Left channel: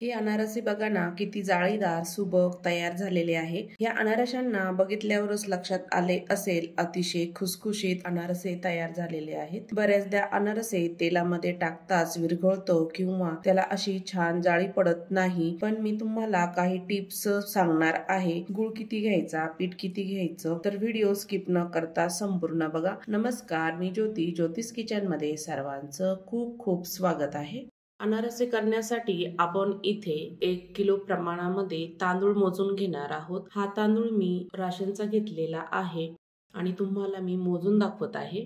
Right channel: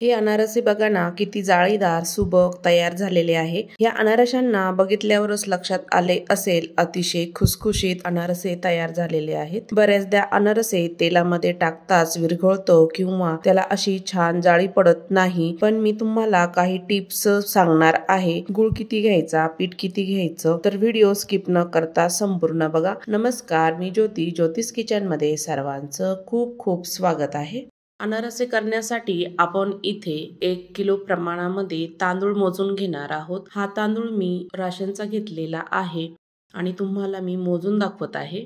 हे अनारसे बघा ना किती जाळीदार सुबक तयार झालेले आहे। या अनारशांना बघितल्यावरच लक्षात आले असेल अतिशय खुसखुशीत अनारसे तयार झालेले आहेत। बऱ्याचदा अनारसे तेलामध्ये टाकताच विरघळतो किंवा त्याला अशी छान जाळी पडत नाही, पण मी तुम्हाला काही टिप्स सांगणार आहे। गुळ किती घ्यायचा, पीठ किती घ्यायचं, तर व्हिडिओ स्किप न करता संपूर्ण बघा। नमस्कार, मी ज्योती, ज्योतिष किचन मध्ये सर्वांचं खूप खूप स्वागत आहे। अनारसे करण्यासाठी आपण इथे 1 किलो प्रमाणामध्ये तांदूळ मोजून घेणार आहोत। हा तांदूळ मी राशनचा घेतलेला आहे आणि तुम्हाला मी मोजून दाखवत आहे।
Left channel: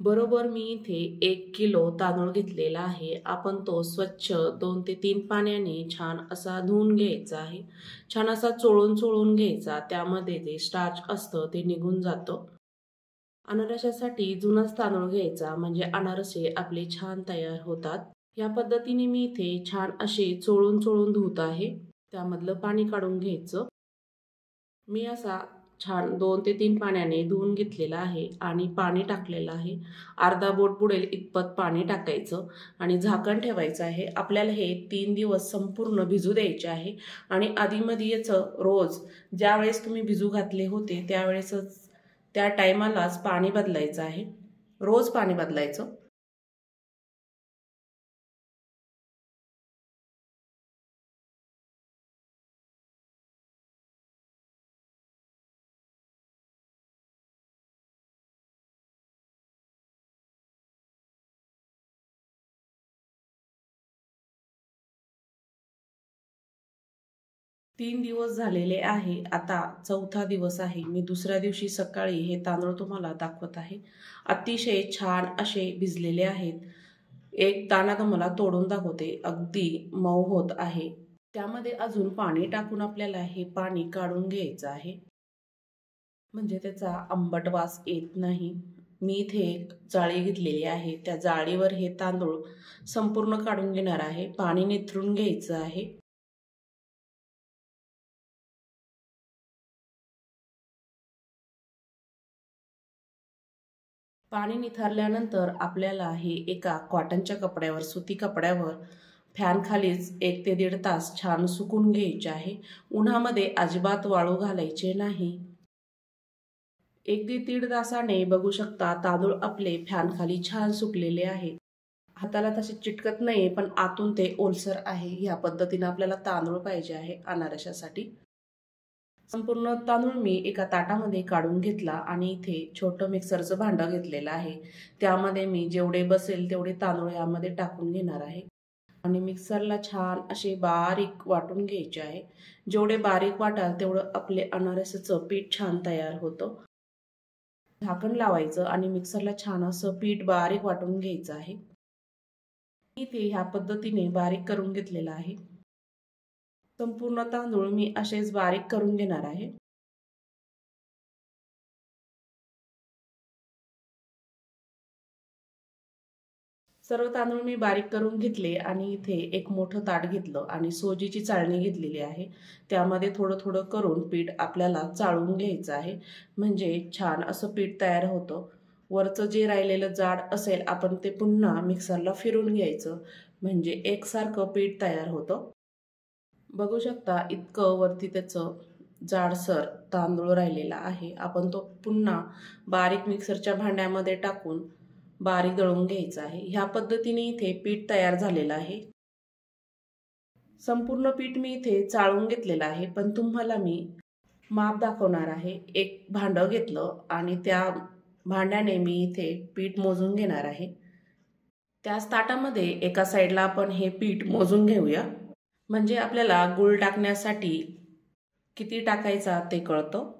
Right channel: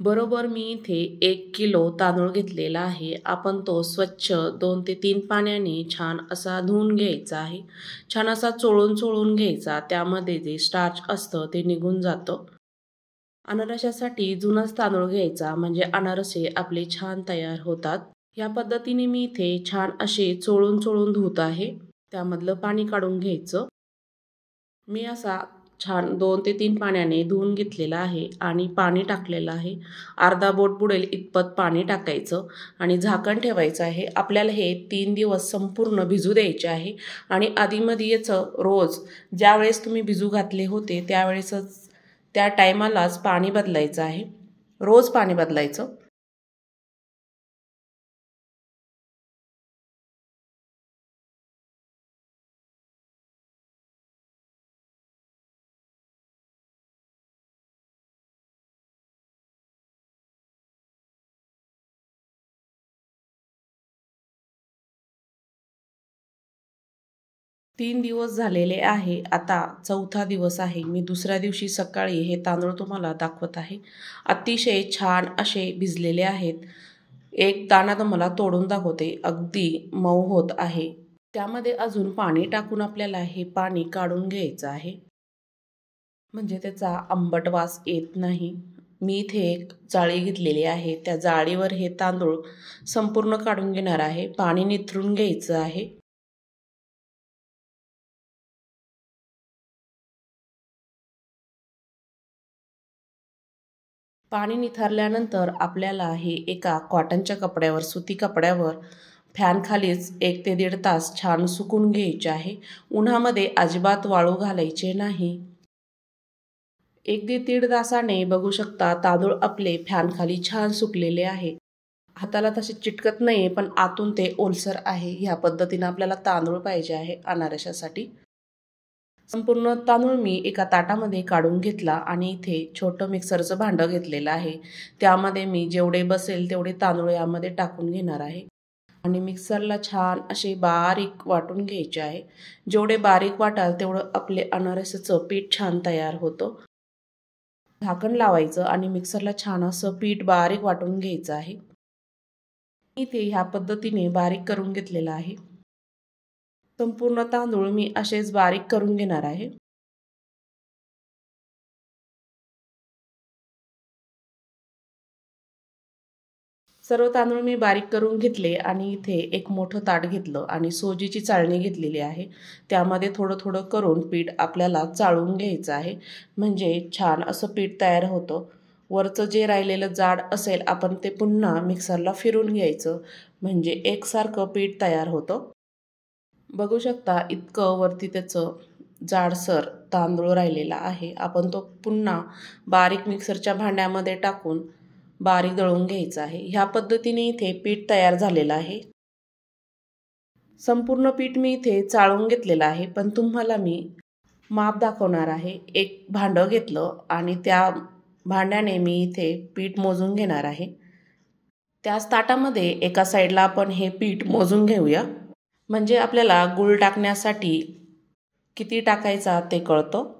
बरोबर मी इथे 1 किलो तांदूळ घेतलेला आहे। आपण तो स्वच्छ 2 ते 3 पाण्याने छान असा धुवून घ्यायचा आहे। छान असा चोळून घ्यायचा, त्यामध्ये जे स्टार्च असतं ते निघून जातं। अनारशासाठी जुनाच तांदूळ घ्यायचा, म्हणजे अनारसे आपले छान तयार होतात। या पद्धतीने मी इथे छान असे चोळून धुत आहे। त्यामधलं पाणी काढून घ्यायचं। मी असा छान 2 ते 3 पाण्याने धुवून घेतलेला आहे आणि पाणी टाकलेलं आहे। अर्धा बोट बुडेल इतपत पाणी टाकायचं आणि झाकण ठेवायचं आहे। आपल्याला हे 3 दिवस संपूर्ण भिजू द्यायचे आहे आणि आधीमध्ये याचं रोज ज्या वेळेस तुम्ही भिजू घातले होते त्यावेळेसच त्या टायमालाच पाणी बदलायचं आहे। रोज पाणी बदलायचं। 3 दिवस झालेले आहे। आता 4था दिवस आहे। मी दुसऱ्या दिवशी सकाळी हे तांदूळ तुम्हाला दाखवत आहे। अतिशय छान असे भिजलेले आहेत। एक दाणा तुम्हाला तोडून दाखवते, अगदी मऊ होत आहे। त्यामध्ये अजून पाणी टाकून आपल्याला हे पाणी काढून घ्यायचं आहे, म्हणजे त्याचा आंबट वास येत नाही। मी इथे एक जाळी घेतलेली आहे, त्या जाळीवर हे तांदूळ संपूर्ण काढून घेणार आहे। पाणी निथरून घ्यायचं आहे। पाणी निथरल्यानंतर आपल्याला हे एका कॉटनच्या कपड्यावर, सुती कपड्यावर फॅन खालीच 1 ते 1.5 तास छान सुकून घ्यायचे आहे। उन्हामध्ये अजिबात वाळू घालायचे नाही। 1 ते 1.5 तासाने बघू शकता तांदूळ आपले फॅन खाली छान सुकलेले आहे। हाताला तसे चिटकत नाही, पण आतून ते ओलसर आहे। ह्या पद्धतीने आपल्याला तांदूळ पाहिजे आहे अनारशासाठी। संपूर्ण तांदूळ मी एका ताटामध्ये काढून घेतला आणि इथे छोटं मिक्सरचं भांडं घेतलेलं आहे। त्यामध्ये मी जेवढे बसेल तेवढे तांदूळ यामध्ये टाकून घेणार आहे आणि मिक्सरला छान असे बारीक वाटून घ्यायचे आहे। जेवढे बारीक वाटाल तेवढं आपले अनारसाचं पीठ छान तयार होतं। झाकण लावायचं आणि मिक्सरला छान असं पीठ बारीक वाटून घ्यायचं आहे। इथे ह्या पद्धतीने बारीक करून घेतलेलं आहे। संपूर्ण तांदूळ मी असेच बारीक करून घेणार आहे। सर्व तांदूळ मी बारीक करून घेतले आणि इथे एक मोठं ताट घेतलं आणि सोजीची चाळणी घेतलेली आहे। त्यामध्ये थोडं करून पीठ आपल्याला चाळून घ्यायचं आहे, म्हणजे छान असं पीठ तयार होतं। वरचं जे राहिलेलं जाड असेल आपण ते पुन्हा मिक्सरला फिरून घ्यायचं, म्हणजे एकसारखं पीठ तयार होतं। बघू शकता इतकं वरती त्याचं जाडसर तांदूळ राहिलेला आहे। आपण तो पुन्हा बारीक मिक्सरच्या भांड्यामध्ये टाकून बारीक दळून घ्यायचा आहे। ह्या पद्धतीने इथे पीठ तयार झालेलं आहे। संपूर्ण पीठ मी इथे चाळून घेतलेलं आहे, पण तुम्हाला मी माप दाखवणार आहे। एक भांडं घेतलं आणि त्या भांड्याने मी इथे पीठ मोजून घेणार आहे। त्याच ताटामध्ये एका साईडला आपण हे पीठ मोजून घेऊया, म्हणजे आपल्याला गूळ टाकण्यासाठी किती टाकायचा ते कळतं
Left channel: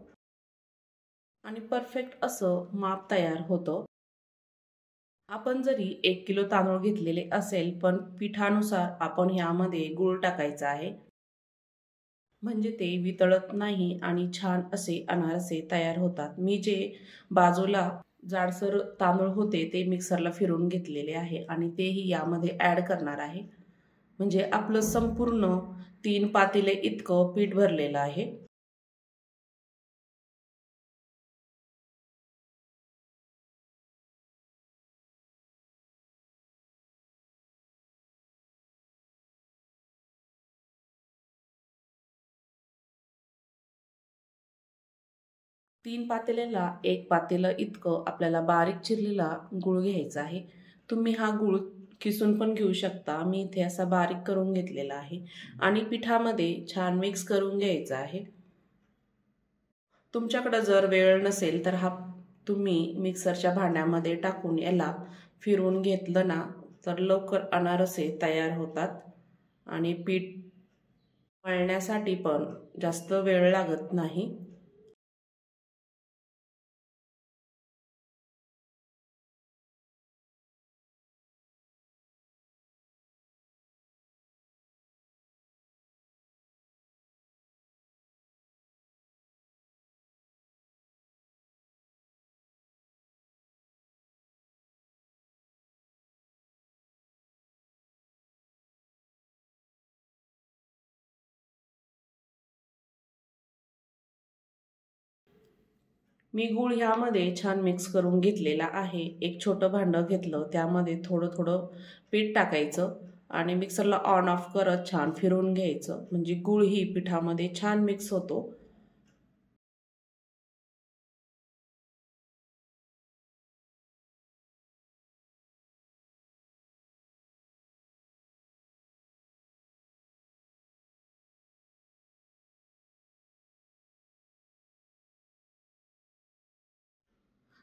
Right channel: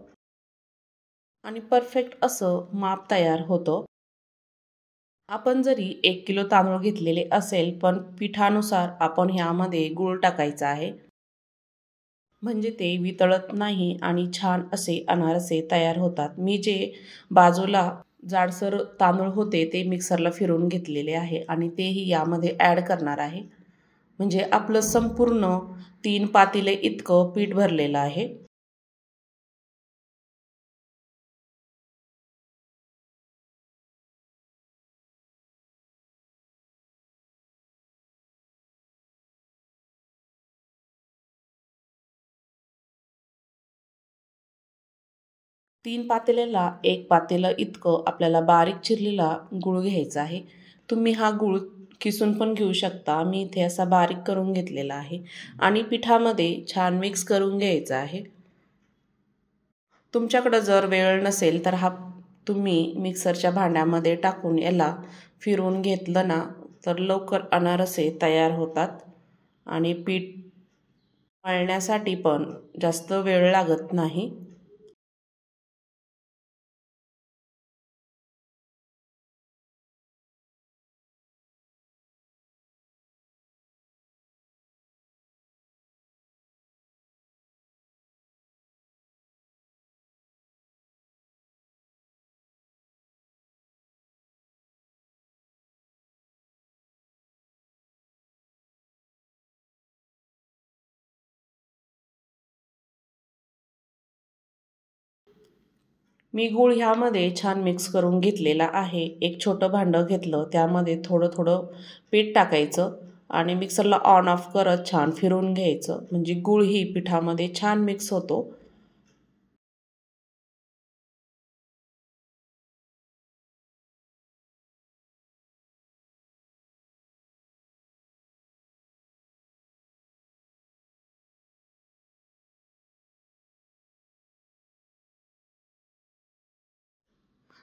आणि परफेक्ट असं माप तयार होतं। आपण जरी 1 किलो तांदूळ घेतलेले असेल, पण पिठानुसार आपण ह्यामध्ये गूळ टाकायचा आहे, म्हणजे ते वितळत नाही आणि छान असे अनारसे तयार होतात। मी जे बाजूला जाडसर तांदूळ होते ते मिक्सरला फिरवून घेतलेले आहे आणि तेही यामध्ये ॲड करणार आहे, म्हणजे आपलं संपूर्ण 3 पातेले इतकं पीठ भरलेलं आहे। 3 पातेल्याला 1 पातेलं इतकं आपल्याला बारीक चिरलेला गूळ घ्यायचा आहे। तुम्ही हा गूळ किसून पण घेऊ शकता। मी इथे असा बारीक करून घेतलेला आहे आणि पिठामध्ये छान मिक्स करून घ्यायचा आहे। तुमच्याकडे जर वेळ नसेल तर हा तुम्ही मिक्सरच्या भांड्यामध्ये टाकून याला फिरवून घेतलं ना तर लवकर अनारसे तयार होतात आणि पीठ मळण्यासाठी पण जास्त वेळ लागत नाही। मी गूळ ह्यामध्ये छान मिक्स करून घेतलेला आहे। एक छोटं भांडं घेतलं, त्यामध्ये थोडं थोडं पीठ टाकायचं आणि मिक्सरला ऑन ऑफ करत छान फिरवून घ्यायचं, म्हणजे गूळ ही पिठामध्ये छान मिक्स होतो।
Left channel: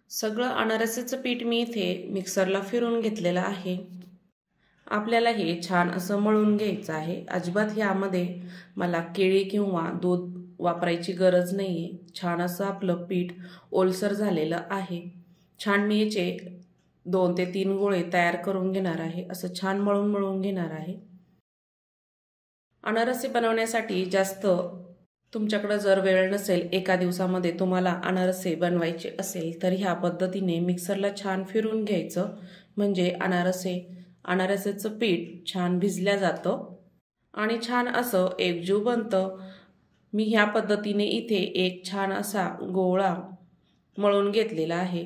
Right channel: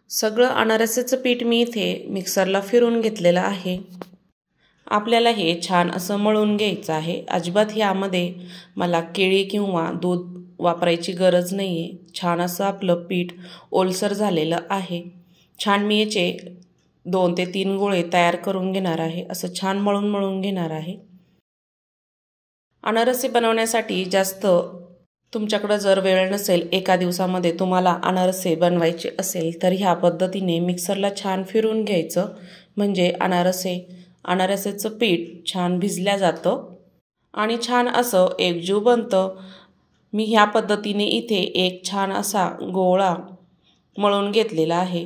सगळं अनारसाचं पीठ मी इथे मिक्सरला फिरवून घेतलेलं आहे। आपल्याला हे छान असं मळून घ्यायचं आहे। अजिबात यामध्ये मला केळी किंवा दूध वापरायची गरज नाही आहे। छान असं आपलं पीठ ओलसर झालेलं आहे। छान मी याचे 2 ते 3 गोळे तयार करून घेणार आहे। असं छान मळून घेणार आहे। अनारसे बनवण्यासाठी जास्त तुमच्याकडे जर वेळ नसेल, एका दिवसामध्ये तुम्हाला अनारसे बनवायचे असेल तर ह्या पद्धतीने मिक्सरला छान फिरवून घ्यायचं, म्हणजे अनारसेचं पीठ छान भिजल्या जातं आणि छान असं एकजीव बनतं। मी ह्या पद्धतीने इथे एक छान असा गोळा मळून घेतलेला आहे।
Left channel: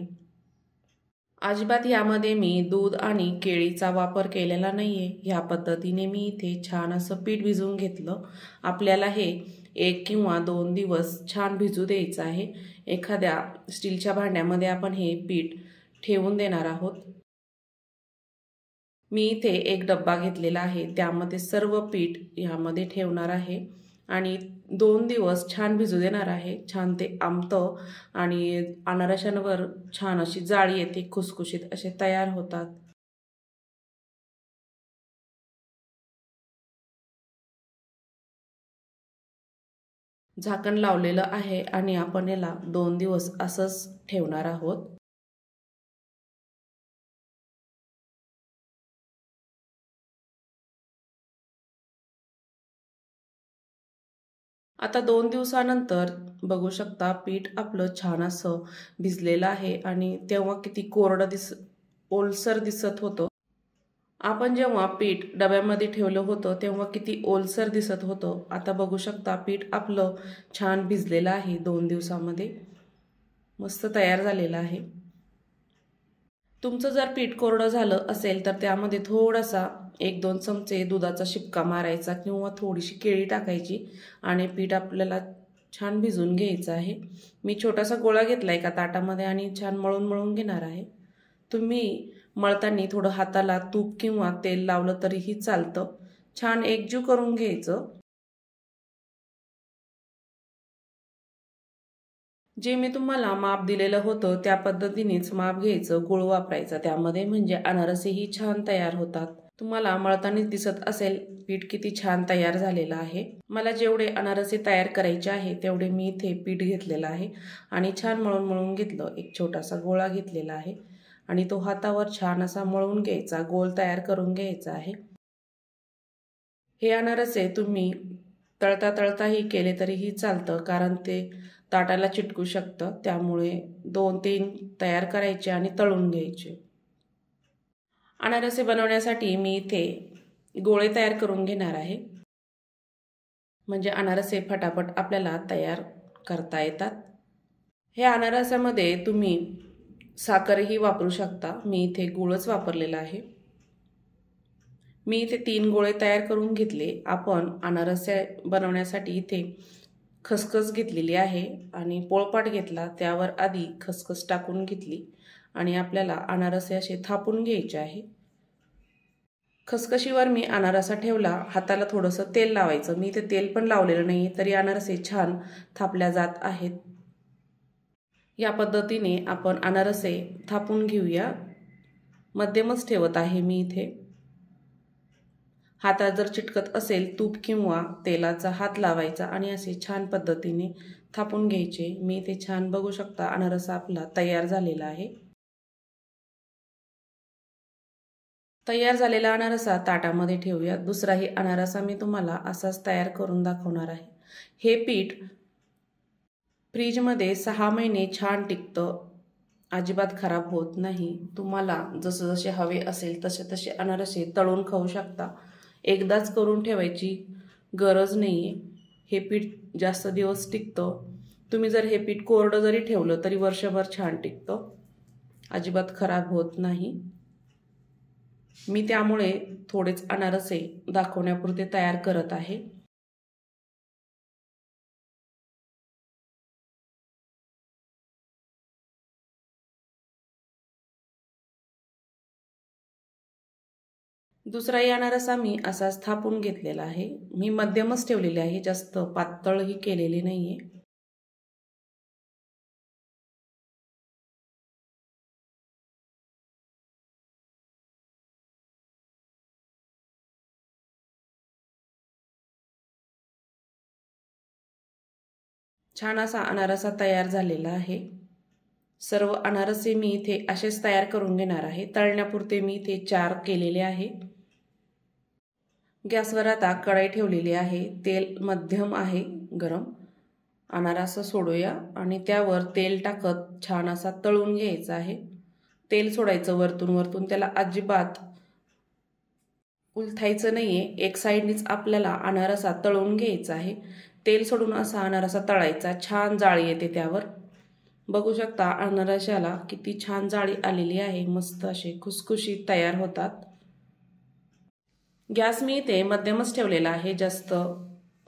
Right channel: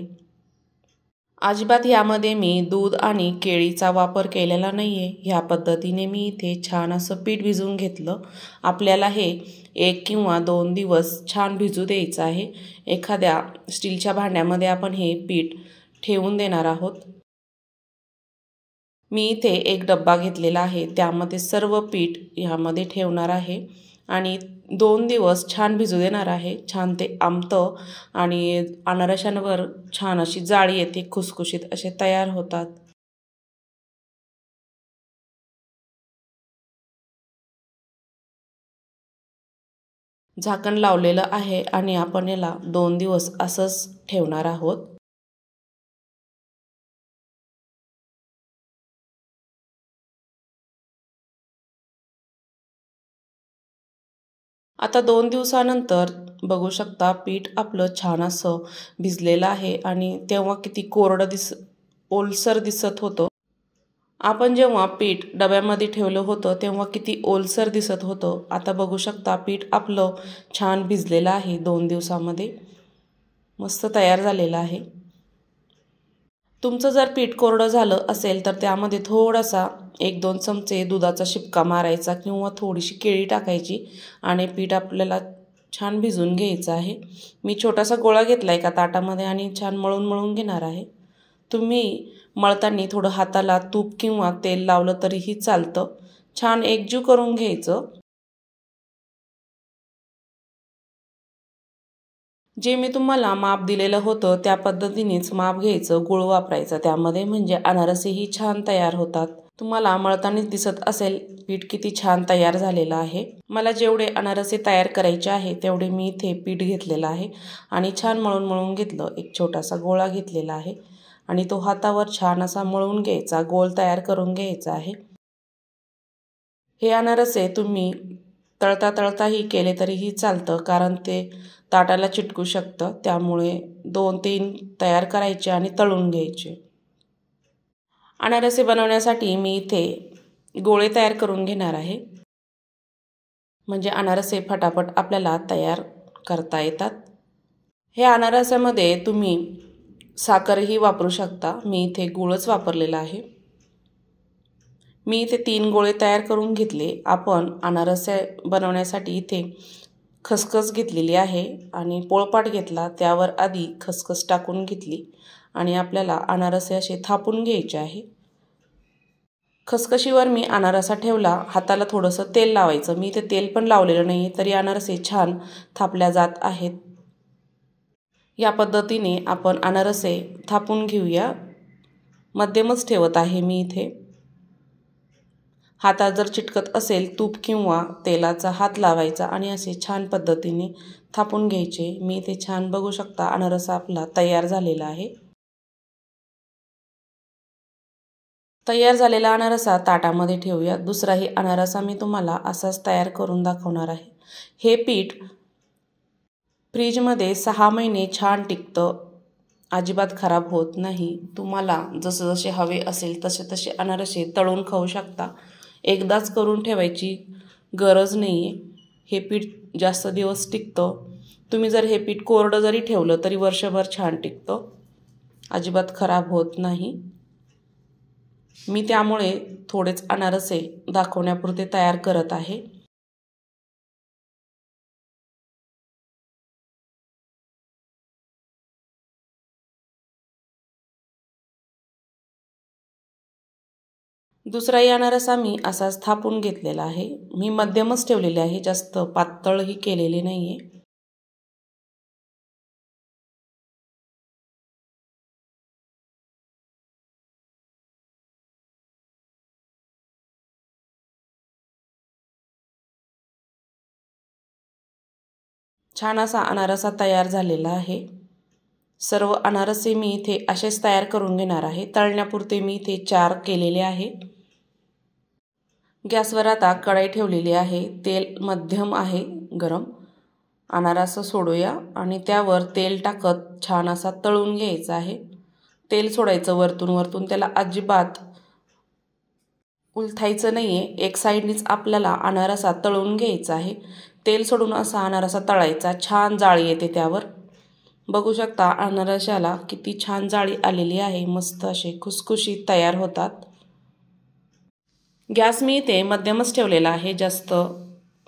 अजिबात यामध्ये मी दूध आणि केळीचा वापर केलेला नाही आहे। ह्या पद्धतीने मी इथे छान असं पीठ भिजवून घेतलं। आपल्याला हे 1 किंवा 2 दिवस छान भिजू द्यायचं आहे। एखाद्या स्टीलच्या भांड्यामध्ये आपण हे पीठ ठेवून देणार आहोत। मी इथे एक डब्बा घेतलेला आहे, त्यामध्ये सर्व पीठ ह्यामध्ये ठेवणार आहे आणि 2 दिवस छान भिजू देणार आहे। छान ते आमतं आणि अनारशांवर छान अशी जाळी येते, खुसखुशीत असे तयार होतात। झाकण लावलेलं आहे आणि आपण याला 2 दिवस असंच ठेवणार आहोत। आता 2 दिवसानंतर बघू शकता पीठ आपलं छान असं भिजलेलं आहे आणि तेव्हा किती कोरडं ओलसर दिसत होतं। आपण जेव्हा पीठ डब्यामध्ये ठेवलं होतं तेव्हा किती ओलसर दिसत होतं। आता बघू शकता पीठ आपलं छान भिजलेलं आहे, 2 दिवसामध्ये मस्त तयार झालेलं आहे। तुमचं जर पीठ कोरडं झालं असेल तर त्यामध्ये थोडासा 1-2 चमचे दुधाचा शिपका मारायचा किंवा थोडीशी केळी टाकायची आणि पीठ आपल्याला छान भिजून घ्यायचं आहे। मी छोटासा गोळा घेतला एका ताटामध्ये आणि छान मळून घेणार आहे। तुम्ही मळताना थोडं हाताला तूप किंवा तेल लावलं तरीही चालतं। छान एकजीव करून घ्यायचं। जे मी तुम्हाला माप दिलेलं होतं त्या पद्धतीनेच माप घ्यायचं, गूळ वापरायचा त्यामध्ये, म्हणजे अनारसेही छान तयार होतात। तुम्हाला मळतानाच दिसत असेल पीठ किती छान तयार झालेलं आहे। मला जेवढे अनारसे तयार करायचे आहे तेवढे मी इथे पीठ घेतलेलं आहे आणि छान मळून घेतलं। एक छोटासा गोळा घेतलेला आहे आणि तो हातावर छान असा मळून घ्यायचा, गोल तयार करून घ्यायचा आहे। हे अनारसे तुम्ही तळताही केले तरीही चालतं, कारण ते ताटाला चिटकू शकतं। त्यामुळे 2-3 तयार करायचे आणि तळून घ्यायचे। अनारसे बनवण्यासाठी मी इथे गोळे तयार करून घेणार आहे, म्हणजे अनारसे फटाफट आपल्याला तयार करता येतात। हे अनारसामध्ये तुम्ही साखरही वापरू शकता, मी इथे गूळच वापरलेला आहे। मी इथे 3 गोळे तयार करून घेतले। आपण अनारसे बनवण्यासाठी इथे खसखस घेतलेली आहे आणि पोळपाट घेतला, त्यावर आधी खसखस टाकून घेतली आणि आपल्याला अनारसे असे थापून घ्यायचे आहे। खसखशीवर मी अनारसा ठेवला, हाताला थोडंसं तेल लावायचं। मी ते तेल पण लावलेलं नाही तरी अनारसे छान थापल्या जात आहेत। या पद्धतीने आपण अनारसे थापून घेऊया। मध्यमच ठेवत आहे मी इथे। हातात जर चिटकत असेल तूप किंवा तेलाचा हात लावायचा आणि असे छान पद्धतीने थापून घ्यायचे। मी इथे छान बघू शकता अनारसा आपला तयार झालेला आहे। तयार झालेला अनारसा ताटामध्ये ठेवूया। दुसराही अनारसा मी तुम्हाला असाच तयार करून दाखवणार आहे। हे पीठ फ्रीजमध्ये 6 महिने छान टिकतं, अजिबात खराब होत नाही। तुम्हाला जसे हवे असेल तसे अनारसे तळून खाऊ शकता। एकदाच करून ठेवायची गरज नाहीये। हे पीठ जास्त दिवस टिकतं। तुम्ही जर हे पीठ कोरडं जरी ठेवलं तरी वर्षभर छान टिकतं, अजिबात खराब होत नाही। मी त्यामुळे थोडेच अनारसे दाखवण्यापुरते तयार करत आहे। दुसराही अनारसा मी असाच थापून घेतलेला आहे। मी मध्यमच ठेवलेले आहे, जास्त पातळही केलेले नाहीये। छान असा अनारसा तयार झालेला आहे। सर्व अनारसे मी इथे असेच तयार करून घेणार आहे। तळण्यापुरते मी इथे 4 केलेले आहे। गॅसवर आता कढई ठेवलेली आहे। तेल मध्यम आहे गरम। अनारसा सोडूया आणि त्यावर तेल टाकत छान असा तळून घ्यायचा आहे। तेल सोडायचं वरतून, त्याला अजिबात उलथायचं नाहीये। एक साईडनीच आपल्याला अनारसा तळून घ्यायचा आहे। तेल सोडून असा अनारसा तळायचा, छान जाळी येते त्यावर। बघू शकता अनारशाला किती छान जाळी आलेली आहे। मस्त असे खुसखुशीत तयार होतात। गॅस मी इथे मध्यमच ठेवलेला आहे, जास्त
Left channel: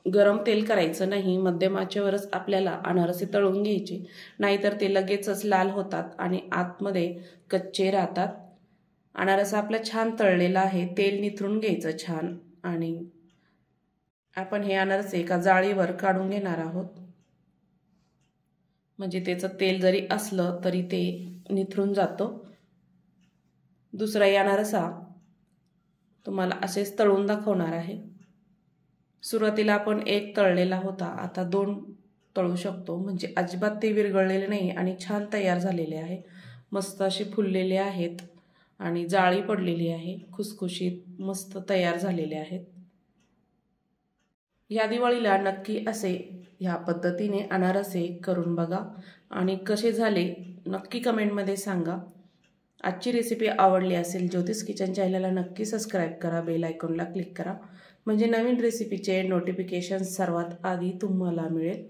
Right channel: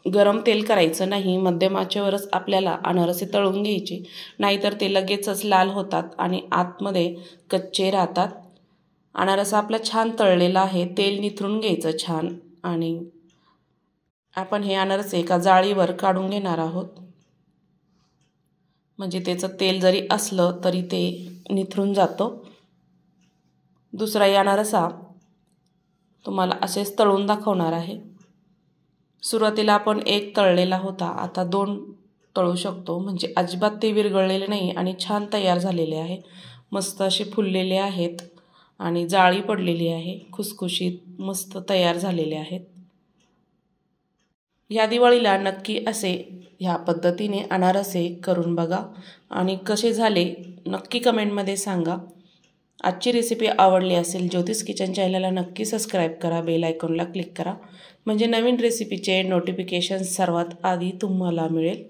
गरम तेल करायचं नाही। मध्यम आचेवरच आपल्याला अनारसे तळून घ्यायचे, नाहीतर ते लगेचच लाल होतात आणि आतमध्ये कच्चे राहतात। अनारसा आपला छान तळलेला आहे। तेल निथरून घ्यायचं छान आणि आपण हे अनारसे एका जाळीवर काढून घेणार आहोत। म्हणजे त्याचं तेल जरी असलं तरी ते निथरून जातं। दुसराही अनारसा तुम्हाला असेच तळून दाखवणार आहे। सुरुवातीला आपण 1 तळलेला होता, आता 2 तळू शकतो, म्हणजे अजिबात ते विरघळलेले नाही आणि छान तयार झालेले आहे। मस्त असे फुललेले आहेत आणि जाळी पडलेली आहे, खुसखुशीत मस्त तयार झालेले आहेत। या दिवाळीला नक्की असे ह्या पद्धतीने अनारसे करून बघा आणि कसे झाले नक्की कमेंटमध्ये सांगा। आजची रेसिपी आवडली असेल ज्योतिष किचन चॅनलला नक्की सबस्क्राईब करा, बेल आयकॉनला क्लिक करा, म्हणजे नवीन रेसिपीचे नोटिफिकेशन सर्वात आधी तुम्हाला मिळेल।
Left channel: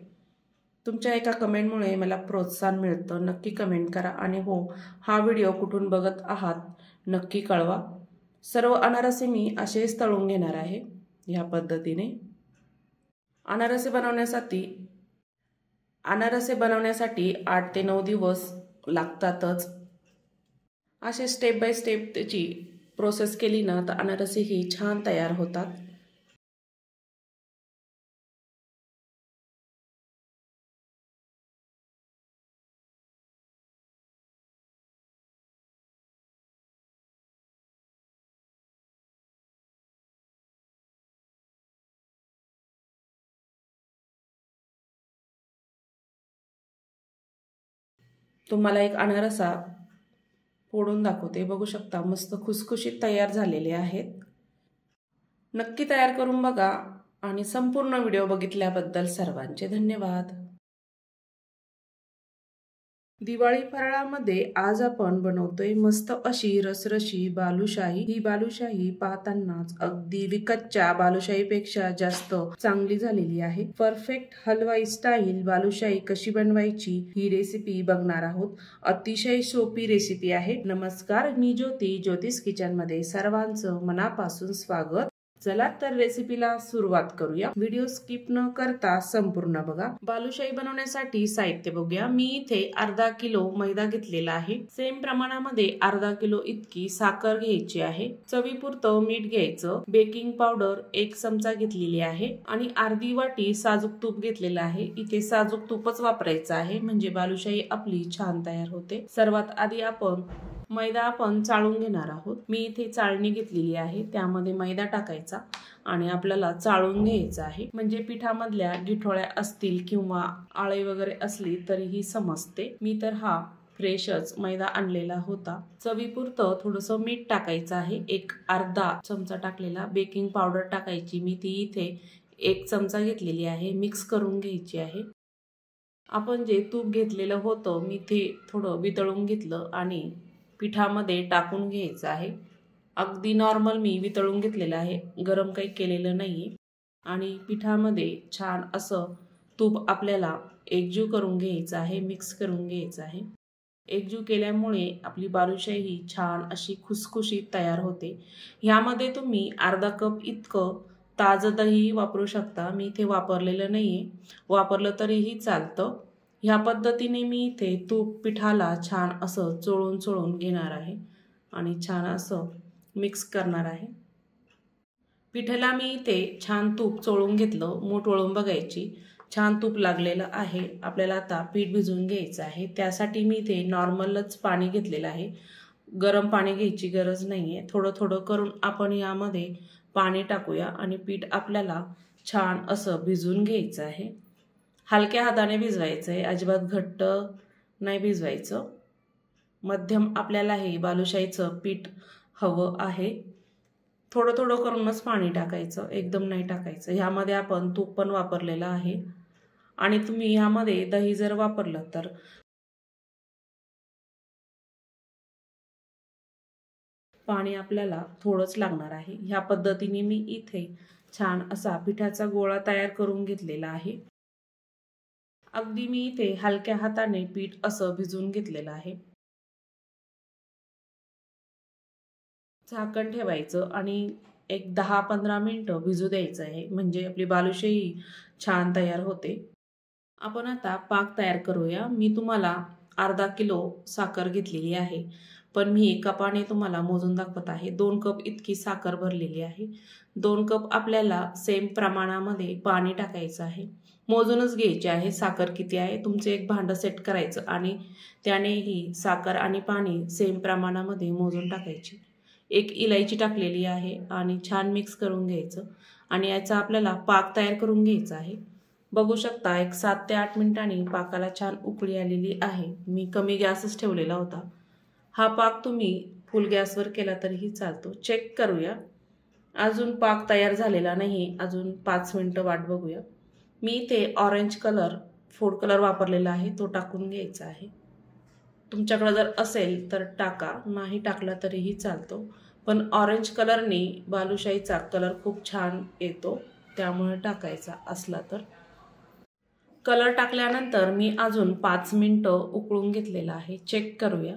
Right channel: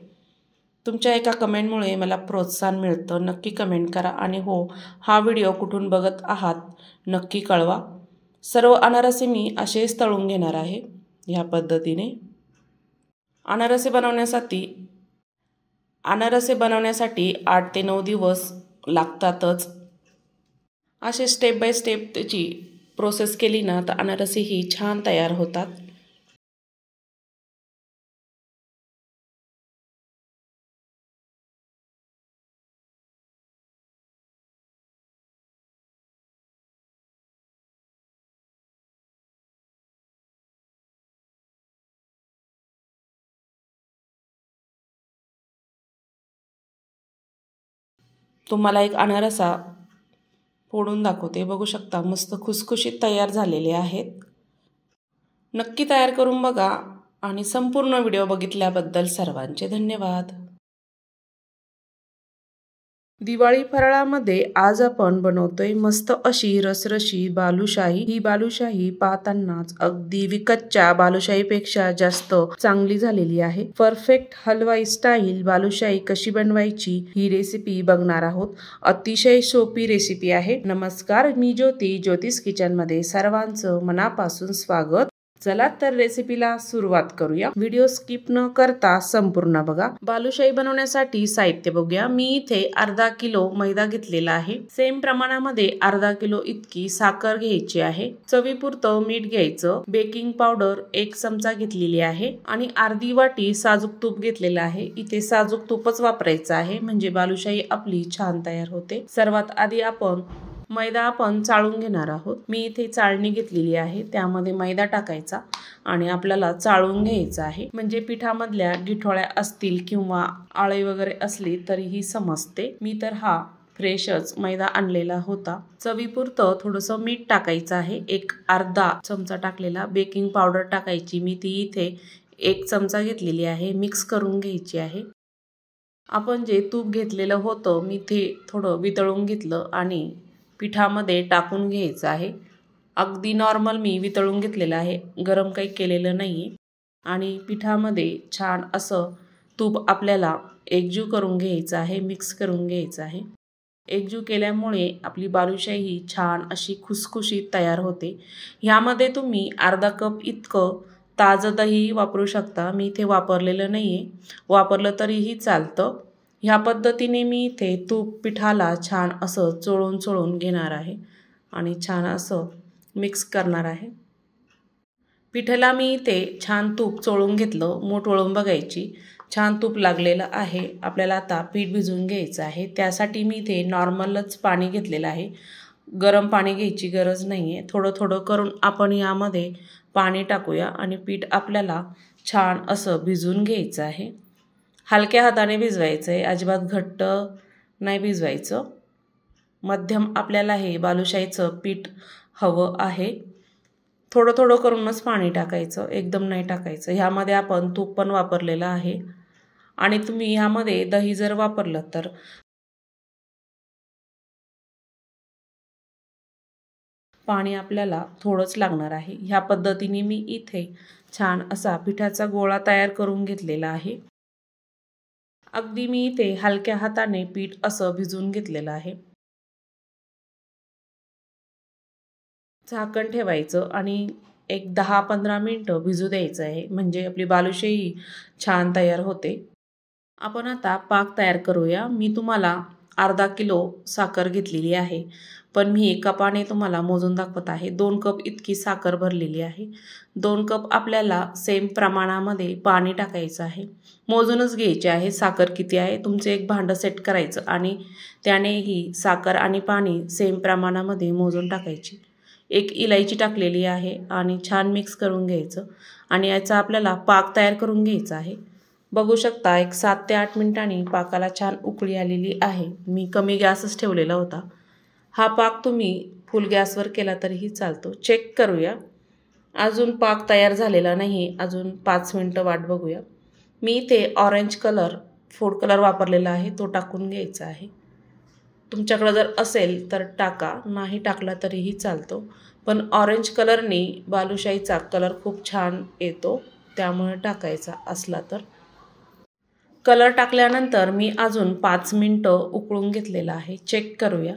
तुमच्या एका कमेंटमुळे मला प्रोत्साहन मिळतं। नक्की कमेंट करा आणि हो, हा व्हिडिओ कुठून बघत आहात नक्की कळवा। सर्व अनारसे मी असेच तळून घेणार आहे ह्या पद्धतीने। अनारसे बनवण्यासाठी 8 ते 9 दिवस लागतातच। असे स्टेप बाय स्टेप त्याची प्रोसेस केली ना तर अनारसे ही छान तयार होतात। तुम्हाला एक अनारसा फोडून दाखवते, बघू शकता मस्त खुसखुशीत तयार झालेले आहेत। नक्की तयार करून बघा आणि संपूर्ण व्हिडिओ बघितल्याबद्दल सर्वांचे धन्यवाद। दिवाळी फराळामध्ये आज आपण बनवतोय मस्त अशी रसरशी बालुशाही। ही बालुशाही पाहतानाच अगदी विकतच्या बालुशाहीपेक्षा जास्त चांगली झालेली आहे। परफेक्ट हलवाई स्टाईल बालुशाही कशी बनवायची ही रेसिपी बघणार आहोत। अतिशय सोपी रेसिपी आहे। नमस्कार, मी ज्योती, ज्योतिष किचन मध्ये सर्वांचं मनापासून स्वागत। चला तर रेसिपीला सुरुवात करूया। व्हिडिओ स्किप न करता संपूर्ण बघा। बालुशाही बनवण्यासाठी साहित्य बघूया। मी इथे अर्धा किलो मैदा घेतलेला आहे। सेम प्रमाणामध्ये अर्धा किलो इतकी साखर घ्यायची आहे। चवीपुरतं मीठ घ्यायचं। बेकिंग पावडर 1 चमचा घेतलेली आहे आणि अर्धी वाटी साजूक तूप घेतलेलं आहे। इथे साजूक तूपच वापरायचं आहे म्हणजे बालुशाही आपली छान तयार होते। सर्वात आधी मैदा आपण चाळून घेणार आहोत। मी इथे चाळणी घेतलेली आहे, त्यामध्ये मैदा टाकायचा आणि आपल्याला चाळून घ्यायचा आहे म्हणजे पिठामधल्या गिठोळ्या असतील किंवा आळे वगैरे असली तरीही समजते। मी तर हा फ्रेशच मैदा आणलेला होता। चवीपुरतं थोडंसं मीठ टाकायचं आहे, एक अर्धा चमचा टाकलेला। बेकिंग पावडर टाकायची, मी ती इथे 1 चमचा घेतलेली आहे। मिक्स करून घ्यायची आहे। आपण जे तूप घेतलेलं होतं मी ते थोडं वितळून घेतलं आणि पिठामध्ये टाकून घ्यायचं आहे। अगदी नॉर्मल मी वितळून घेतलेलं आहे, गरम काही केलेलं नाहीये। आणि पिठामध्ये छान असं तूप आपल्याला एकजीव करून घ्यायचं आहे, मिक्स करून घ्यायचं आहे। एकजीव केल्यामुळे आपली बालुशाही छान अशी खुसखुशीत तयार होते। ह्यामध्ये तुम्ही अर्धा कप इतकं ताजं दही वापरू शकता। मी इथे वापरलेलं नाहीये, वापरलं तरीही चालतं। ह्या पद्धतीने मी इथे तूप पिठाला छान असं चोळून घेणार आहे आणि छान असं मिक्स करणार आहे। पिठाला मी इथे छान तूप चोळून घेतलं, मूठ वळून बघायची, छान तूप लागलेलं आहे। आपल्याला आता पीठ भिजवून घ्यायचं आहे। त्यासाठी मी इथे नॉर्मलच पाणी घेतलेलं आहे, गरम पाणी घ्यायची गरज नाहीये। थोडं थोडं करून आपण यामध्ये पाणी टाकूया आणि पीठ आपल्याला छान असं भिजवून घ्यायचं आहे। हलक्या हाताने भिजवायचं आहे, अजिबात घट्ट नाही भिजवायचं। मध्यम आपल्याला हे बालुशाहीचं पीठ हवं आहे। थोडं थोडं करूनच पाणी टाकायचं, एकदम नाही टाकायचं। ह्यामध्ये आपण तूप पण वापरलेलं आहे आणि तुम्ही ह्यामध्ये दही जर वापरलं तर पाणी आपल्याला थोडंच लागणार आहे। ह्या पद्धतीने मी इथे छान असा पिठाचा गोळा तयार करून घेतलेला आहे। अगदी मी इथे हलक्या हाताने पीठ असं भिजवून घेतलेलं आहे। झाकण ठेवायचं आणि एक 10-15 मिनिटं भिजू द्यायचं आहे म्हणजे आपली बालुशाही छान तयार होते। आपण आता पाक तयार करूया। मी तुम्हाला अर्धा किलो साखर घेतलेली आहे, पण मी कपाने तुम्हाला मोजून दाखवत आहे। 2 कप इतकी साखर भरलेली आहे। 2 कप आपल्याला सेम प्रमाणामध्ये पाणी टाकायचं आहे। मोजूनच घ्यायचे आहे साखर किती आहे। तुमचं एक भांडं सेट करायचं आणि त्याने ही साखर आणि पाणी सेम प्रमाणामध्ये मोजून टाकायची। एक इलायची टाकलेली आहे आणि छान मिक्स करून घ्यायचं आणि याचा आपल्याला पाक तयार करून घ्यायचा आहे। बघू शकता एक 7 ते 8 मिनिटांनी पाकाला छान उकळी आलेली आहे। मी कमी गॅसच ठेवलेला होता। हा पाक तुम्ही फुल गॅसवर केला तरीही चालतो। चेक करूया, अजून पाक तयार झालेला नाही, अजून 5 मिनिटं वाट बघूया। मी इथे ऑरेंज कलर फूड कलर वापरलेला आहे, तो टाकून घ्यायचा आहे। तुमच्याकडे जर असेल तर टाका, नाही टाकला तरीही चालतो, पण ऑरेंज कलरने बालुशाहीचा कलर खूप छान येतो, त्यामुळे टाकायचा असला तर। कलर टाकल्यानंतर मी अजून 5 मिनिटं उकळून घेतलेला आहे। चेक करूया,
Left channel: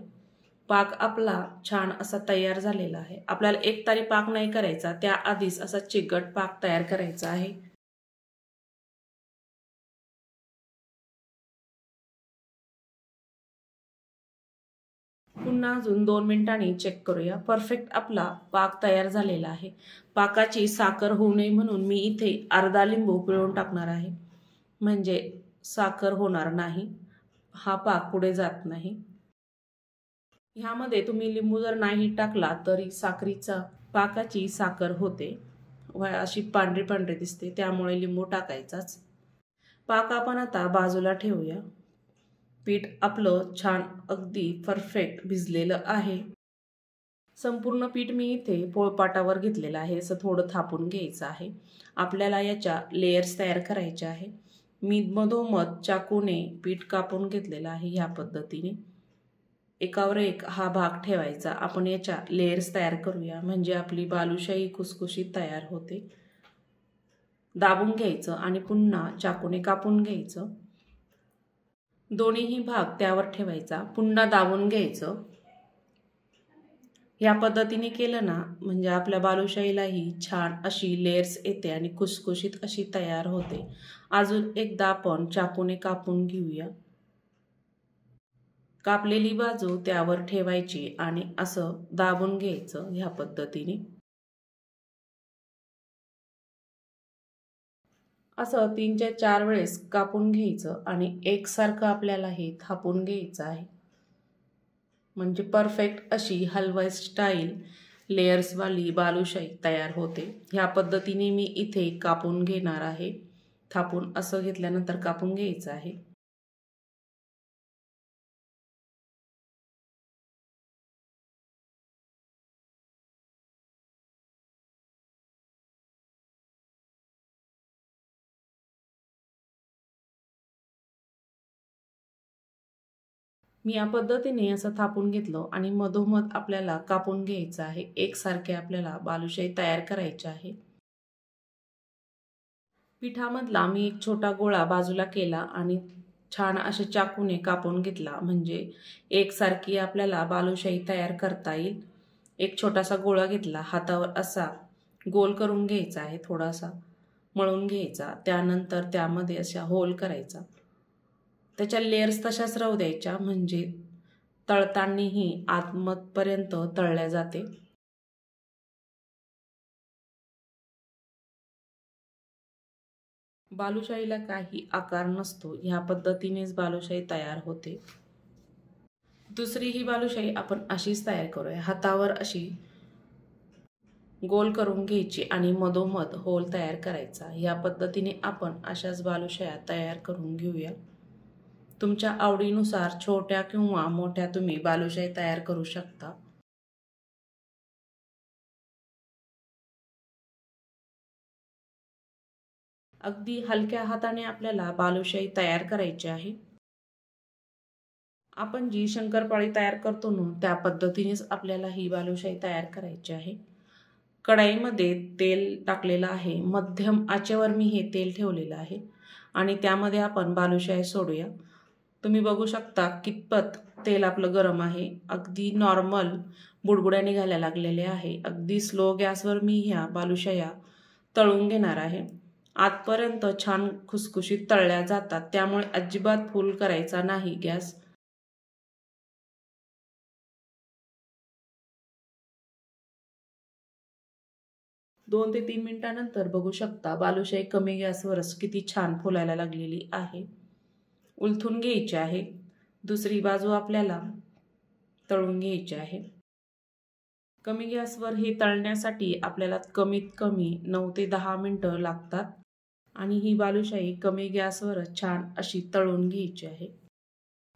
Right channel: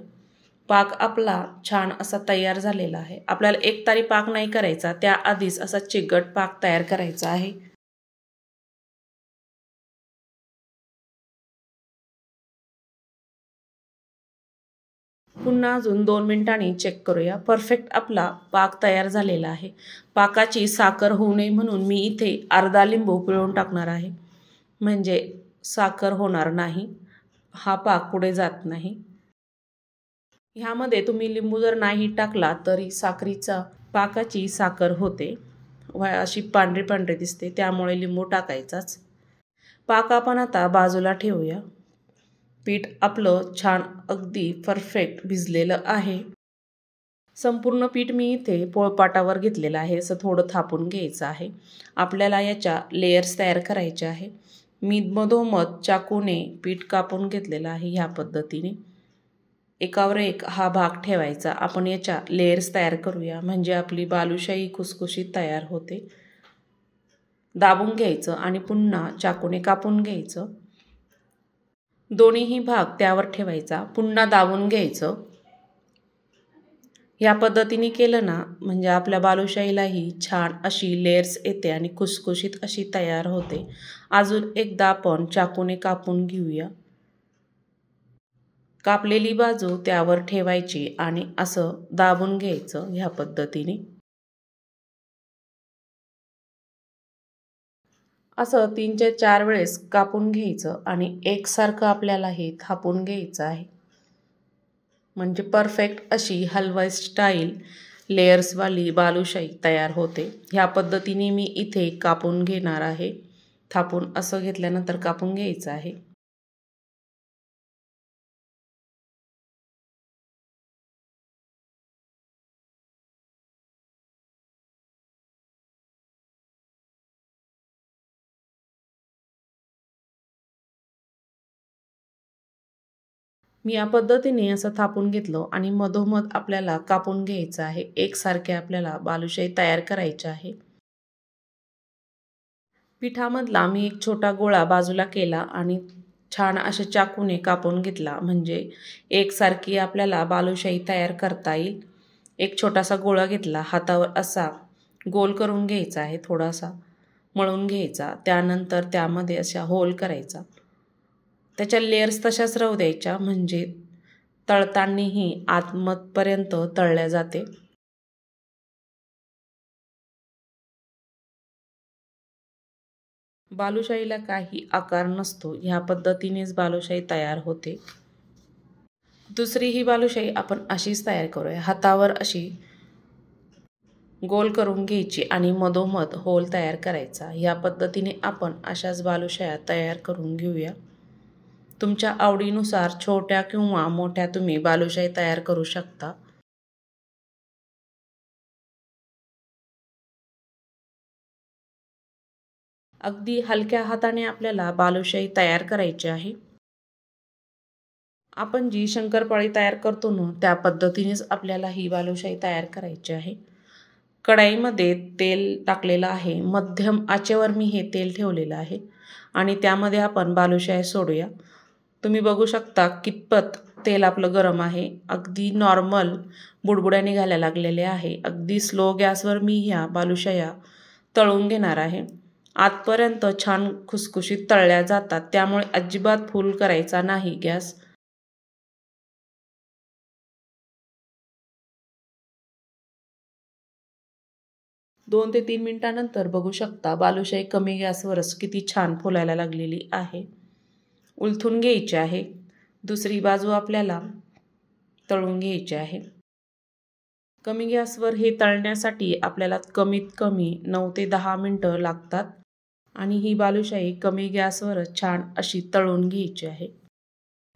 पाक आपला छान असा तयार झालेला आहे। आपल्याला एकतारी पाक नाही करायचा, त्याआधीच असा चिकट पाक तयार करायचा आहे। पुन्हा अजून 2 मिनिटांनी चेक करूया। परफेक्ट आपला पाक तयार झालेला आहे। पाकाची साखर होऊ नये म्हणून मी इथे अर्धा लिंबू पिळून टाकणार आहे म्हणजे साखर होणार नाही, हा पाक पुढे जात नाही। ह्यामध्ये तुम्ही लिंबू जर नाही टाकला तरी पाकाची साखर होते, अशी पांढरी पांढरी दिसते, त्यामुळे लिंबू टाकायचाच। पाक आपण आता बाजूला ठेवूया। पीठ आपलं छान अगदी परफेक्ट भिजलेलं आहे। संपूर्ण पीठ मी इथे पोळपाटावर घेतलेलं आहे, असं थोडं थापून घ्यायचं आहे। आपल्याला याच्या लेयर्स तयार करायचे आहे। मी मधोमध चाकूने पीठ कापून घेतलेलं आहे। ह्या पद्धतीने एकावर एक हा भाग ठेवायचा। आपण याच्या लेयर्स तयार करूया म्हणजे आपली बालुशाही खुसखुशीत तयार होते। दाबून घ्यायचं आणि पुन्हा चाकूने कापून घ्यायचं। दोन्हीही भाग त्यावर ठेवायचा, पुन्हा दाबून घ्यायचं या पद्धतीने केलं ना म्हणजे आपल्या बालुशाहीलाही छान अशी लेयर्स येते आणि खुसखुशीत अशी तयार होते. अजून एकदा आपण चाकूने कापून घेऊया. कापलेली बाजू त्यावर ठेवायची आणि असं दाबून घ्यायचं ह्या पद्धतीने. असं 3 ते 4 वेळेस कापून घ्यायचं आणि एकसारखं आपल्याला हे थापून घ्यायचं आहे. म्हणजे परफेक्ट अशी हलवाई स्टाईल लेयर्सवाली बालुशाही तयार होते. ह्या पद्धतीने मी इथे कापून घेणार आहे. थापून असं घेतल्यानंतर कापून घ्यायचं आहे. मी या पद्धतीने असं थापून घेतलं आणि मधोमध आपल्याला कापून घ्यायचं आहे. एकसारखे आपल्याला बालुशाही तयार करायची आहे. पिठामधला मी एक छोटा गोळा बाजूला केला आणि छान अशा चाकूने कापून घेतला म्हणजे एकसारखी आपल्याला बालुशाही तयार करता येईल. एक छोटासा गोळा घेतला, हातावर असा गोल करून घ्यायचा आहे, थोडासा मळून घ्यायचा. त्यानंतर त्यामध्ये अशा होल करायचा. त्याच्या लेयर्स तशाच राहू द्यायच्या म्हणजे तळतानाही आतमधपर्यंत तळल्या जाते. बालुशाहीला काही आकार नसतो. ह्या पद्धतीनेच बालुशाही तयार होते. दुसरी ही बालुशाही आपण अशीच तयार करूया. हातावर अशी गोल करून घ्यायची आणि मधोमध होल तयार करायचा. या पद्धतीने आपण अशाच बालुशाया तयार करून घेऊया. तुमच्या आवडीनुसार छोट्या किंवा मोठ्या तुम्ही बालुशाही तयार करू शकता. अगदी हलक्या हाताने आपल्याला बालुशाही तयार करायची आहे. आपण जी शंकरपाळी तयार करतो ना त्या पद्धतीनेच आपल्याला ही बालुशाही तयार करायची आहे. कढईमध्ये तेल टाकलेलं आहे. मध्यम आचेवर मी हे तेल ठेवलेलं आहे आणि त्यामध्ये आपण बालुशाही सोडूया. तुम्ही बघू शकता कितपत तेल आपलं गरम आहे. अगदी नॉर्मल बुडबुड्या निघायला लागलेले आहे. अगदी स्लो गॅसवर मी ह्या बालुशाया तळून घेणार आहे. आतपर्यंत छान खुसखुशीत तळल्या जातात, त्यामुळे अजिबात फुल करायचा नाही गॅस. दोन ते 3 मिनिटानंतर बघू शकता बालुशाही कमी गॅसवरच किती छान फुलायला लागलेली आहे. उलथून घ्यायची आहे. दुसरी बाजू आपल्याला तळून घ्यायची आहे. कमी गॅसवर हे तळण्यासाठी आपल्याला कमीत कमी 9 ते 10 मिनिटं लागतात आणि ही बालुशाही कमी गॅसवरच छान अशी तळून घ्यायची आहे.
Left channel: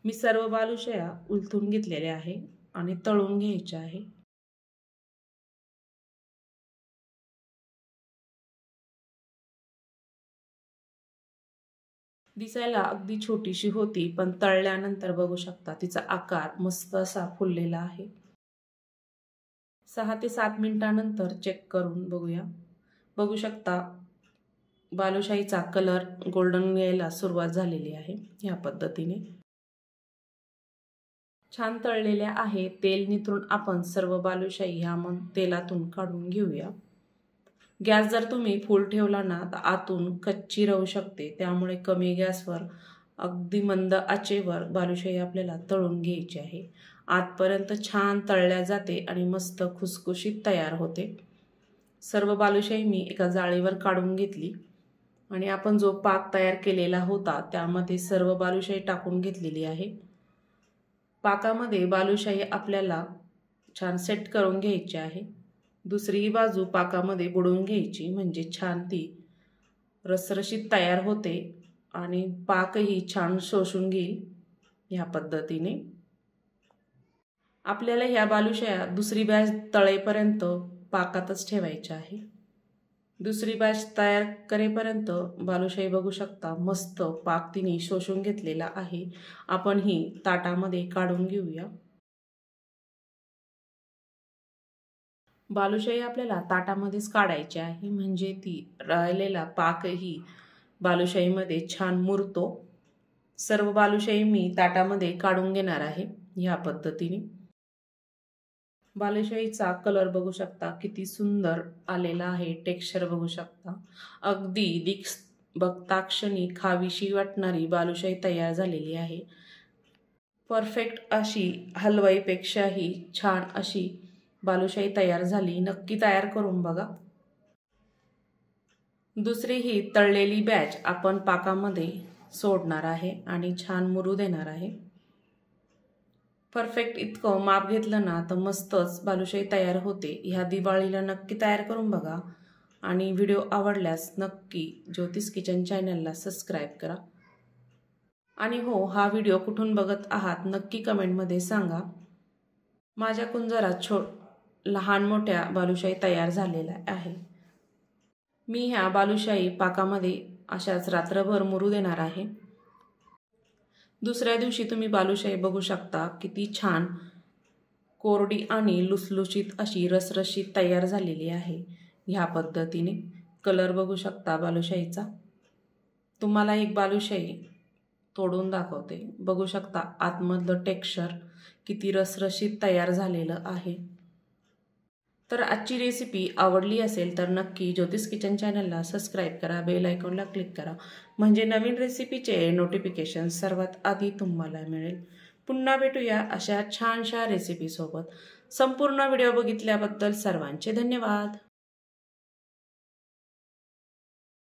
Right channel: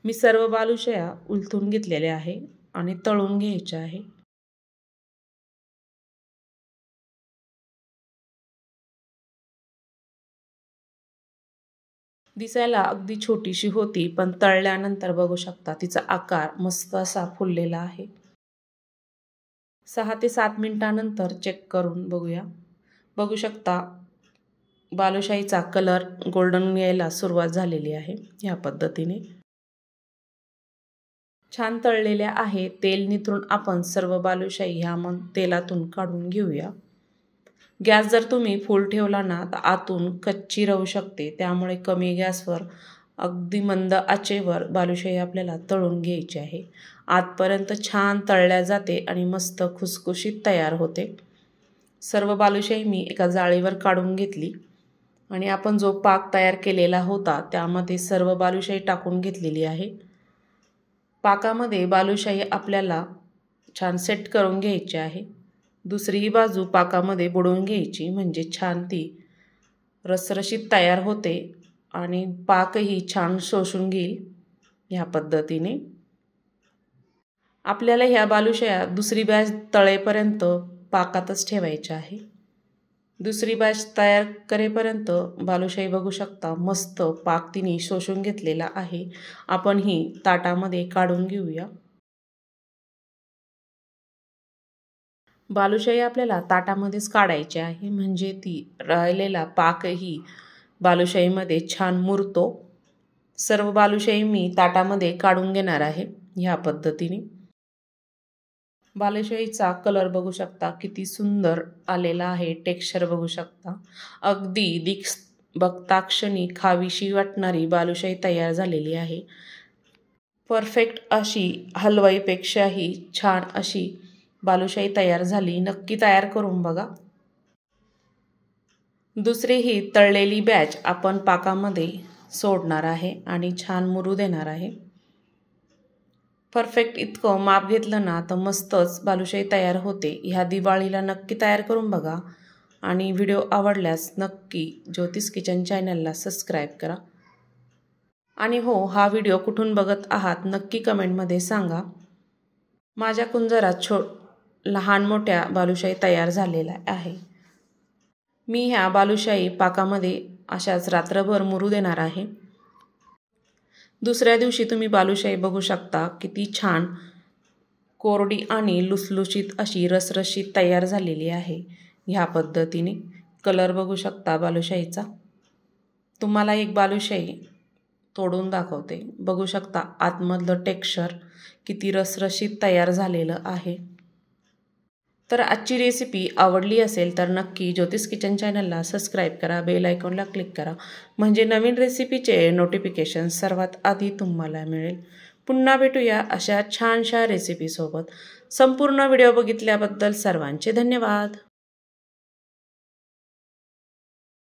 मी सर्व बालुशाया उलथून घेतलेल्या आहे आणि तळून घ्यायच्या आहे. दिसायला अगदी छोटीशी होती पण तळल्यानंतर बघू शकता तिचा आकार मस्त असा फुललेला आहे. 6 ते 7 मिनिटानंतर चेक करून बघूया. बघू शकता बालुशाहीचा कलर गोल्डन यायला सुरुवात झालेली आहे. ह्या पद्धतीने छान तळलेल्या आहे. तेल निथळून आपण सर्व बालुशाही ह्या तेलातून काढून घेऊया. गॅस जर तुम्ही फुल ठेवला ना तर आतून कच्ची राहू शकते, त्यामुळे कमी गॅसवर अगदी मंद आचेवर बालुशाही आपल्याला तळून घ्यायची आहे. आतपर्यंत छान तळल्या जाते आणि मस्त खुसखुशीत तयार होते. सर्व बालुशाही मी एका जाळीवर काढून घेतली आणि आपण जो पाक तयार केलेला होता त्यामध्ये सर्व बालुशाही टाकून घेतलेली आहे. पाकामध्ये बालुशाही आपल्याला छान सेट करून घ्यायची आहे. दुसरी बाजू पाकामध्ये बुडवून घ्यायची म्हणजे छान ती रसरशीत तयार होते आणि पाकही छान शोषून घेईल. ह्या पद्धतीने आपल्याला ह्या बालुशाया दुसरी बॅच तळेपर्यंत पाकातच ठेवायच्या आहे. दुसरी बॅच तयार करेपर्यंत बालुशाही बघू शकता मस्त पाक तिने शोषून घेतलेला आहे. आपण ही ताटामध्ये काढून घेऊया. बालुशाही आपल्याला ताटामध्येच काढायची आहे म्हणजे ती राहिलेला पाकही बालुशाहीमध्ये छान मुरतो. सर्व बालुशाही मी ताटामध्ये काढून घेणार आहे ह्या पद्धतीने. बालुशाहीचा कलर बघू शकता किती सुंदर आलेला आहे. टेक्स्चर बघू शकता. अगदी बघता क्षणी खावीशी वाटणारी बालुशाही तयार झालेली आहे. परफेक्ट अशी हलवाईपेक्षाही छान अशी बालुशाही तयार झाली. नक्की तयार करून बघा. दुसरी ही तळलेली बॅच आपण पाकामध्ये सोडणार आहे आणि छान मुरू देणार आहे. परफेक्ट इतकं माप घेतलं ना तर मस्तच बालुशाही तयार होते. ह्या दिवाळीला नक्की तयार करून बघा आणि व्हिडिओ आवडल्यास नक्की ज्योतिष किचन चॅनलला सबस्क्राईब करा. आणि हो, हा व्हिडिओ कुठून बघत आहात नक्की कमेंटमध्ये सांगा. माझ्या कुंजरात लहान मोठ्या बालुशाही तयार झालेल्या आहे. मी ह्या बालुशाही पाकामध्ये अशाच रात्रभर मुरू देणार आहे. दुसऱ्या दिवशी तुम्ही बालुशाही बघू शकता किती छान कोरडी आणि लुसलुशीत अशी रसरशीत तयार झालेली आहे. ह्या पद्धतीने कलर बघू शकता बालुशाहीचा. तुम्हाला एक बालुशाही तोडून दाखवते. बघू शकता आतमधलं टेक्स्चर किती रसरशीत तयार झालेलं आहे. तर आजची रेसिपी आवडली असेल तर नक्की ज्योतिष किचन चॅनलला सबस्क्राईब करा. बेल आयकॉनला क्लिक करा म्हणजे नवीन रेसिपीचे नोटिफिकेशन सर्वात आधी तुम्हाला मिळेल. पुन्हा भेटूया अशा छानशा रेसिपीसोबत. संपूर्ण व्हिडिओ बघितल्याबद्दल सर्वांचे धन्यवाद.